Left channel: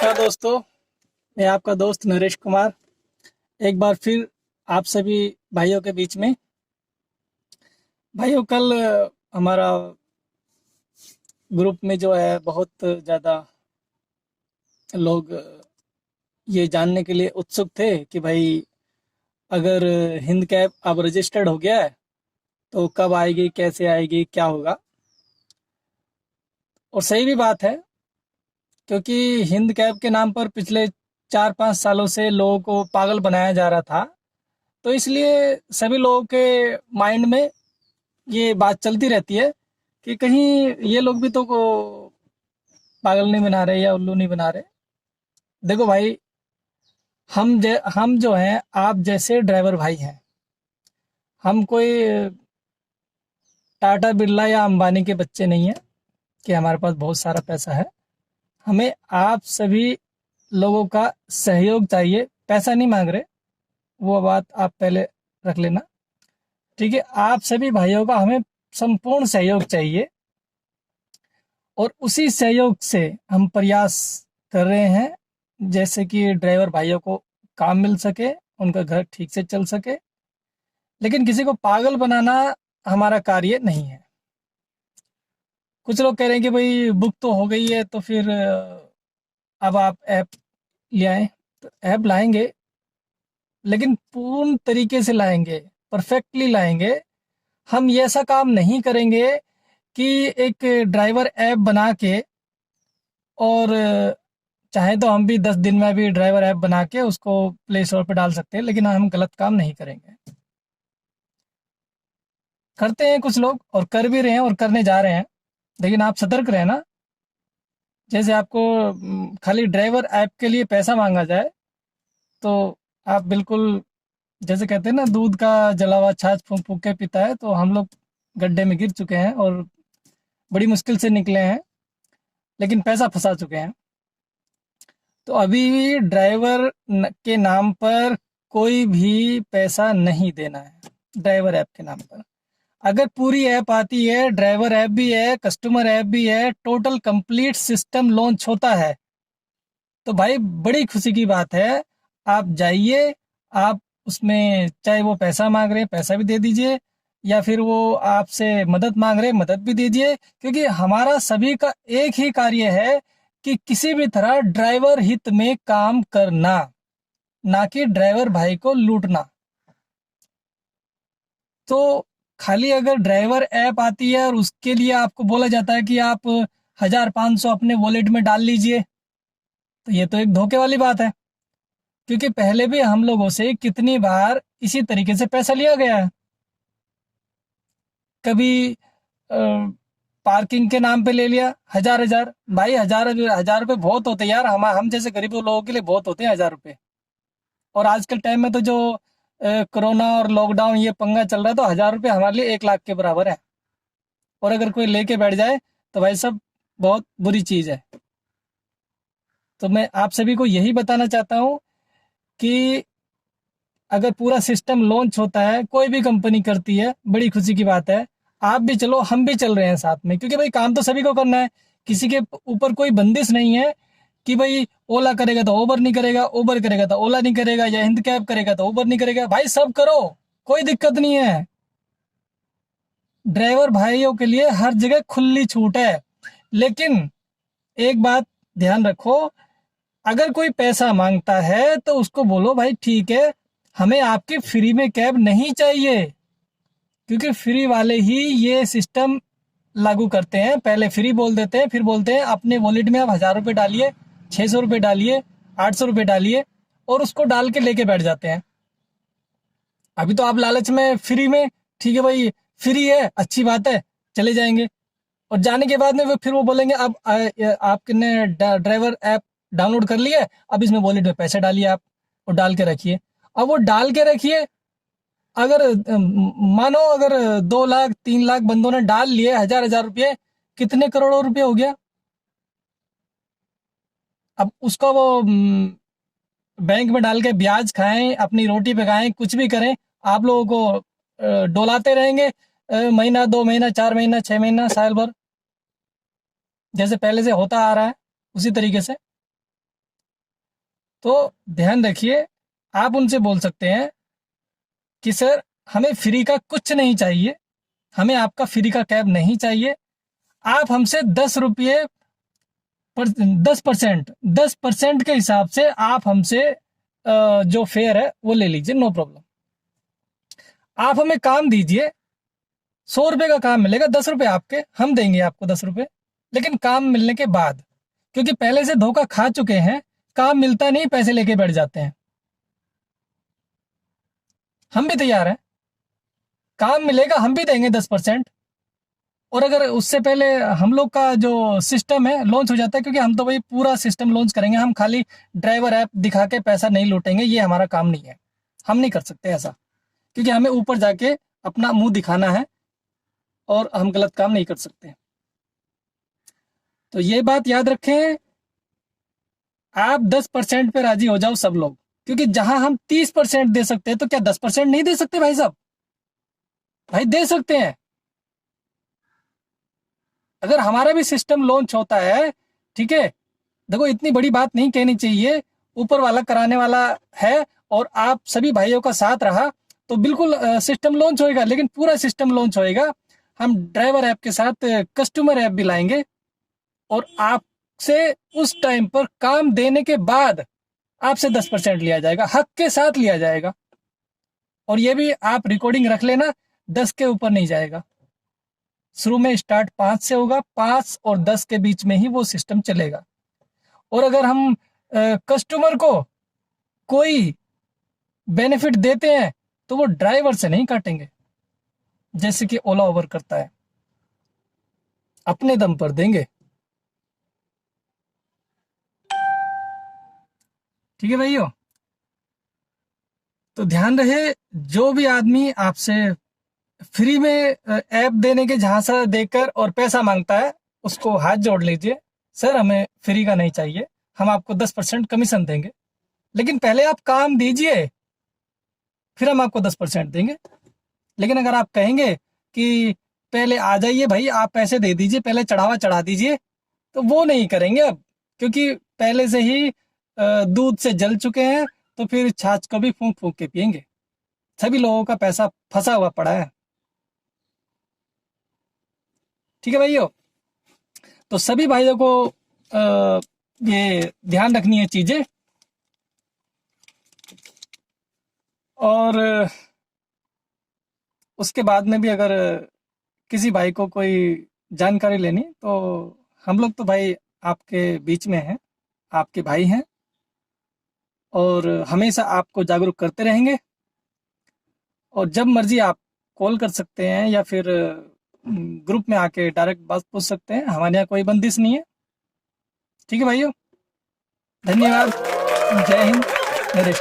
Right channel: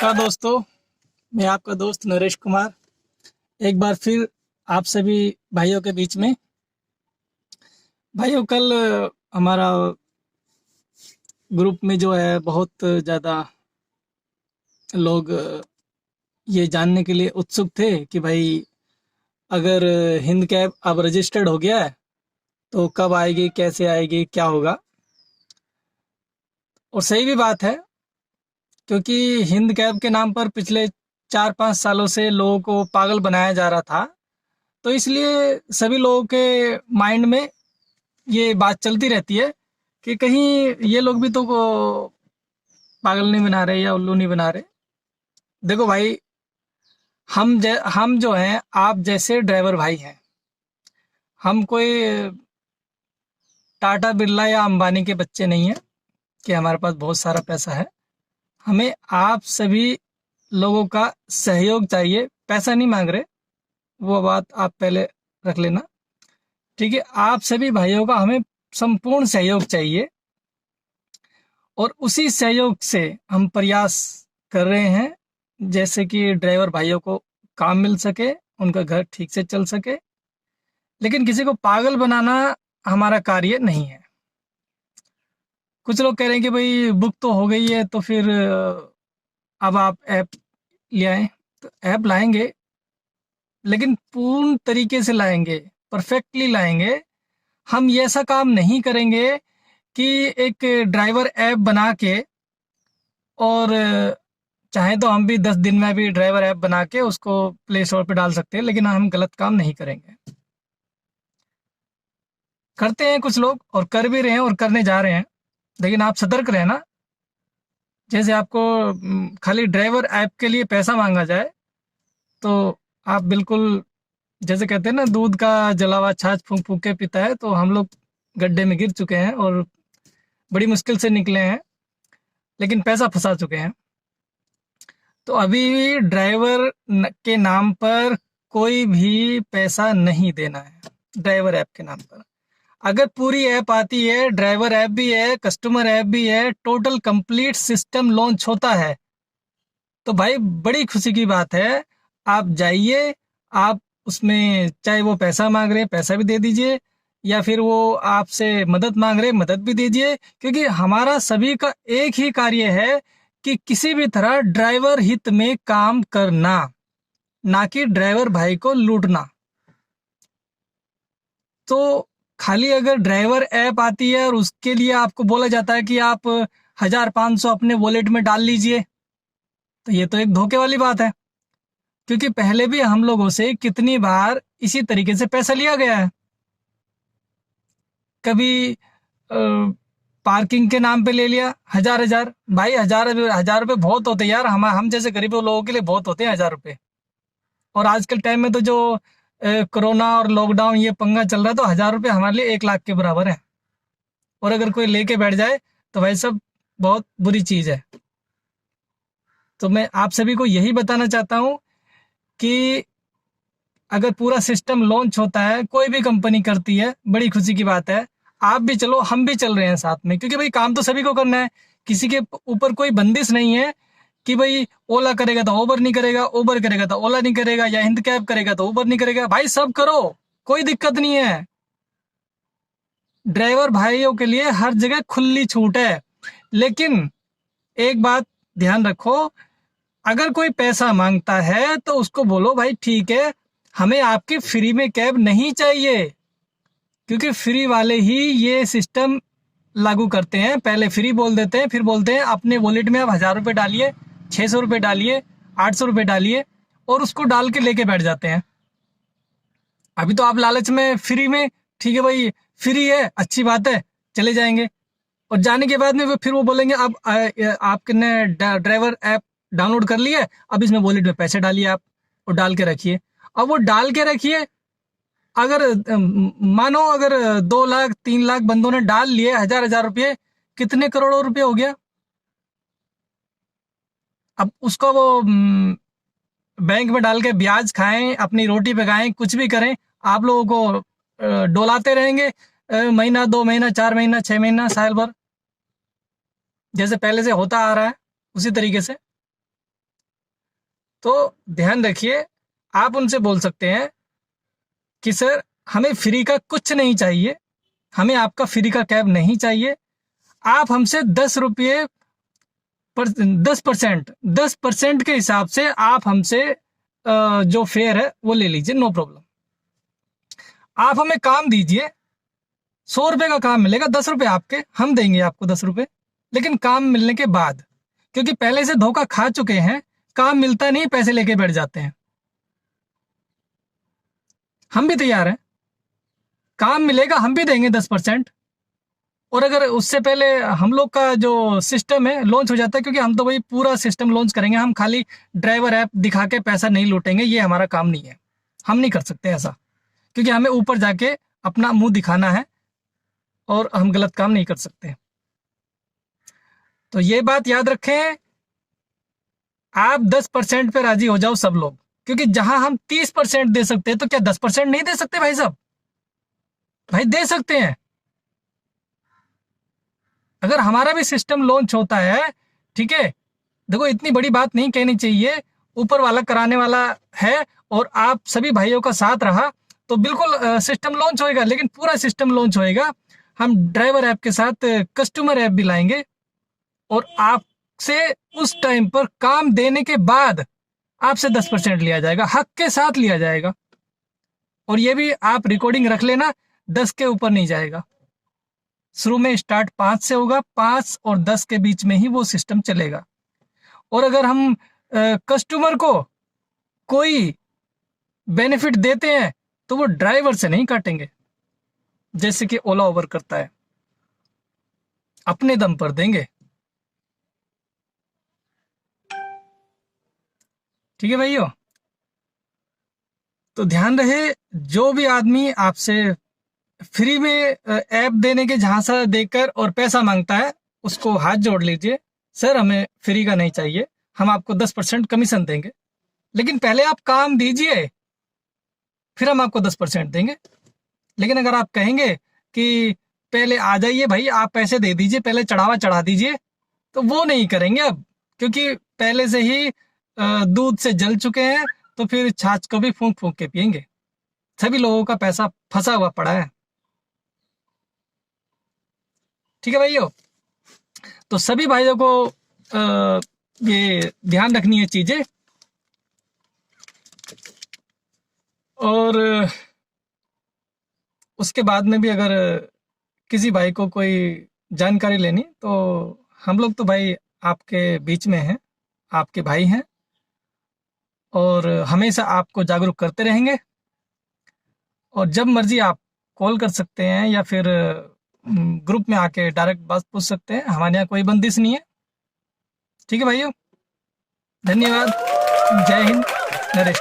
नमस्कार दोस्तों, मैं आपका दोस्त नरेश कुमार एक बार फिर आप सभी भाइयों के बीच में। भाइयों, कल हमारा ग्रुप में जो है बहुत ज़्यादा लोग ये जानने के लिए उत्सुक थे कि भाई अगर हिंद कैब अब रजिस्टर्ड हो गया है तो कब आएगी, कैसे आएगी, क्या होगा। और सही भी बात है, क्योंकि हिंद कैब के नाम पर पिछले 4-5 सालों से लोगों को पागल बनाया जा रहा था। तो इसलिए सभी लोगों के माइंड में ये बात चलती रहती है कि कहीं ये लोग भी तो को पागल नहीं बना रहे या उल्लू नहीं बना रहे। देखो भाई, हम जो हैं आप जैसे ड्राइवर भाई हैं। हम कोई टाटा बिरला या अंबानी के बच्चे नहीं हैं कि हमारे पास बहुत सारा पैसा है। हमें आप सभी लोगों का सहयोग चाहिए, पैसा नहीं मांग रहे, वो बात आप पहले रख लेना। ठीक है, आप सभी भाइयों का हमें संपूर्ण सहयोग चाहिए और उसी सहयोग से हम प्रयास कर रहे हैं जैसे कि ड्राइवर भाइयों को काम मिल सके, उनका घर ठीक से चल सके। लेकिन किसी को पागल बनाना हमारा कार्य नहीं है। कुछ लोग कह रहे हैं कि भाई बुक तो हो गई है तो फिर अब आप ऐप ले आए। तो ऐप लाएंगे, लेकिन पूर्ण तरीके से लाएंगे, परफेक्टली लाएंगे। हम ये ऐसा काम नहीं करेंगे कि एक ड्राइवर ऐप बना के और चाहे तो हम भी 10 दिन में भी ड्राइवर ऐप बना के उसको प्ले स्टोर पे डाल सकते हैं, लेकिन हम गलत काम नहीं करेंगे। करते हैं कुछ लोग और कर भी रहे हैं और करने जा रहे हैं, लेकिन आप सतर्क रहे ना। जैसे आपको खाली ड्राइवर ऐप के लिए पैसा मांगा जाए तो आप बिल्कुल, जैसे कहते हैं ना, दूध का जला हुआ छाछ फूंक फूंक के पीता है। तो हम लोग गड्ढे में गिर चुके हैं और बड़ी मुश्किल से निकले हैं, लेकिन पैसा फंसा चुके हैं। तो अभी ड्राइवर के नाम पर कोई भी पैसा नहीं देना है। ड्राइवर ऐप के नाम पर अगर पूरी ऐप आती है, ड्राइवर ऐप भी है, कस्टमर ऐप भी है, टोटल कंप्लीट सिस्टम लॉन्च होता है, तो भाई बड़ी खुशी की बात है। आप जाइए, आप उसमें चाहे वो पैसा मांग रहे हैं पैसा भी दे दीजिए, या फिर वो आपसे मदद मांग रहे हैं मदद भी दीजिए। क्योंकि हमारा सभी का एक ही कार्य है कि किसी भी तरह ड्राइवर हित में काम करना, ना कि ड्राइवर भाई को लूटना। तो खाली अगर ड्राइवर ऐप आती है और उसके लिए आपको बोला जाता है कि आप 1,000-500 अपने वॉलेट में डाल लीजिए, तो ये तो एक धोखे वाली बात है। क्योंकि पहले भी हम लोगों से कितनी बार इसी तरीके से पैसा लिया गया है। कभी पार्किंग के नाम पे ले लिया 1,000-1,000। भाई 1,000 रुपये बहुत होते हैं यार, हम जैसे गरीब लोगों के लिए बहुत होते हैं 1,000 रुपये। और आज के टाइम में तो जो कोरोना और लॉकडाउन ये पंगा चल रहा है, तो 1,000 रुपये हमारे लिए 1 लाख के बराबर है। और अगर कोई लेके बैठ जाए तो भाई सब बहुत बुरी चीज़ है। तो मैं आप सभी को यही बताना चाहता हूँ कि अगर पूरा सिस्टम लॉन्च होता है, कोई भी कंपनी करती है, बड़ी खुशी की बात है। आप भी चलो, हम भी चल रहे हैं साथ में, क्योंकि भाई काम तो सभी को करना है। किसी के ऊपर कोई बंदिश नहीं है कि भाई ओला करेगा तो उबर नहीं करेगा, उबर करेगा तो ओला नहीं करेगा, या हिंद कैब करेगा तो उबर नहीं करेगा। भाई सब करो, कोई दिक्कत नहीं है। ड्राइवर भाइयों के लिए हर जगह खुली छूट है। लेकिन एक बात ध्यान रखो, अगर कोई पैसा मांगता है तो उसको बोलो भाई ठीक है, हमें आपकी फ्री में कैब नहीं चाहिए। क्योंकि फ्री वाले ही ये सिस्टम लागू करते हैं। पहले फ्री बोल देते हैं, फिर बोलते हैं अपने वॉलेट में आप 1,000 रुपये डालिए, 600 रुपये डालिए, 800 रुपये डालिए, और उसको डाल के लेके बैठ जाते हैं। अभी तो आप लालच में फ्री में, ठीक है भाई फ्री है अच्छी बात है, चले जाएंगे। और जाने के बाद में फिर वो बोलेंगे अब आपने ड्राइवर ऐप डाउनलोड कर लिया है, अब इसमें वॉलेट में पैसे डालिए आप और डाल के रखिए। अब वो डाल के रखिए, अगर मानो अगर 2 लाख 3 लाख बंदों ने डाल लिए 1,000-1,000 रुपये, कितने करोड़ों रुपये हो गया। अब उसका वो बैंक में डाल के ब्याज खाएं, अपनी रोटी पकाएं, कुछ भी करें, आप लोगों को डोलाते रहेंगे। महीना 2 महीना 4 महीना 6 महीना साल भर, जैसे पहले से होता आ रहा है उसी तरीके से। तो ध्यान रखिए, आप उनसे बोल सकते हैं कि सर हमें फ्री का कुछ नहीं चाहिए, हमें आपका फ्री का कैब नहीं चाहिए, आप हमसे 10 रुपये पर 10% के हिसाब से आप हमसे जो फेयर है वो ले लीजिए, नो प्रॉब्लम। आप हमें काम दीजिए, 100 रुपये का काम मिलेगा, 10 रुपये आपके, हम देंगे आपको 10 रुपये, लेकिन काम मिलने के बाद, क्योंकि पहले से धोखा खा चुके हैं, काम मिलता नहीं, पैसे लेके बैठ जाते हैं। हम भी तैयार हैं, काम मिलेगा हम भी देंगे 10%। और अगर उससे पहले हम लोग का जो सिस्टम है लॉन्च हो जाता है, क्योंकि हम तो भाई पूरा सिस्टम लॉन्च करेंगे, हम खाली ड्राइवर ऐप दिखा के पैसा नहीं लूटेंगे, ये हमारा काम नहीं है, हम नहीं कर सकते ऐसा, क्योंकि हमें ऊपर जाके अपना मुंह दिखाना है और हम गलत काम नहीं कर सकते। तो ये बात याद रखें, आप 10% पे राजी हो जाओ सब लोग, क्योंकि जहां हम 30% दे सकते हैं, तो क्या 10% नहीं दे सकते भाई साहब? भाई दे सकते हैं। अगर हमारा भी सिस्टम लॉन्च होता है, ठीक है, देखो इतनी बड़ी बात नहीं कहनी चाहिए, ऊपर वाला कराने वाला है और आप सभी भाइयों का साथ रहा तो बिल्कुल सिस्टम लॉन्च होएगा, लेकिन पूरा सिस्टम लॉन्च होएगा। हम ड्राइवर ऐप के साथ कस्टमर ऐप भी लाएंगे और आपसे उस टाइम पर काम देने के बाद आपसे 10% लिया जाएगा, हक के साथ लिया जाएगा। और ये भी आप रिकॉर्डिंग रख लेना, 10 के ऊपर नहीं जाएगा। शुरू में स्टार्ट 5 से होगा, 5 और 10 के बीच में ही वो सिस्टम चलेगा। और अगर हम कस्टमर को कोई बेनिफिट देते हैं तो वो ड्राइवर से नहीं काटेंगे, जैसे कि ओला ओवर करता है, अपने दम पर देंगे। ठीक है भाइयों, तो ध्यान रहे, जो भी आदमी आपसे फ्री में ऐप देने के झांसा देकर और पैसा मांगता है, उसको हाथ जोड़ लीजिए, सर हमें फ्री का नहीं चाहिए, हम आपको 10% कमीशन देंगे, लेकिन पहले आप काम दीजिए, फिर हम आपको 10% देंगे। लेकिन अगर आप कहेंगे कि पहले आ जाइए भाई, आप पैसे दे दीजिए, पहले चढ़ावा चढ़ा दीजिए, तो वो नहीं करेंगे अब, क्योंकि पहले से ही दूध से जल चुके हैं, तो फिर छाछ को भी फूंक फूंक के पियेंगे। सभी लोगों का पैसा फंसा हुआ पड़ा है। ठीक है भाइयों, तो सभी भाइयों को ये ध्यान रखनी है चीजें। और उसके बाद में भी अगर किसी भाई को कोई जानकारी लेनी, तो हम लोग तो भाई आपके बीच में हैं, आपके भाई हैं, और हमेशा आपको जागरूक करते रहेंगे। और जब मर्जी आप कॉल कर सकते हैं या फिर ग्रुप में आके डायरेक्ट बात पूछ सकते हैं, हमारे यहाँ कोई बंदिश नहीं है। ठीक है भाइयों, धन्यवाद, जय हिंद, नरेश।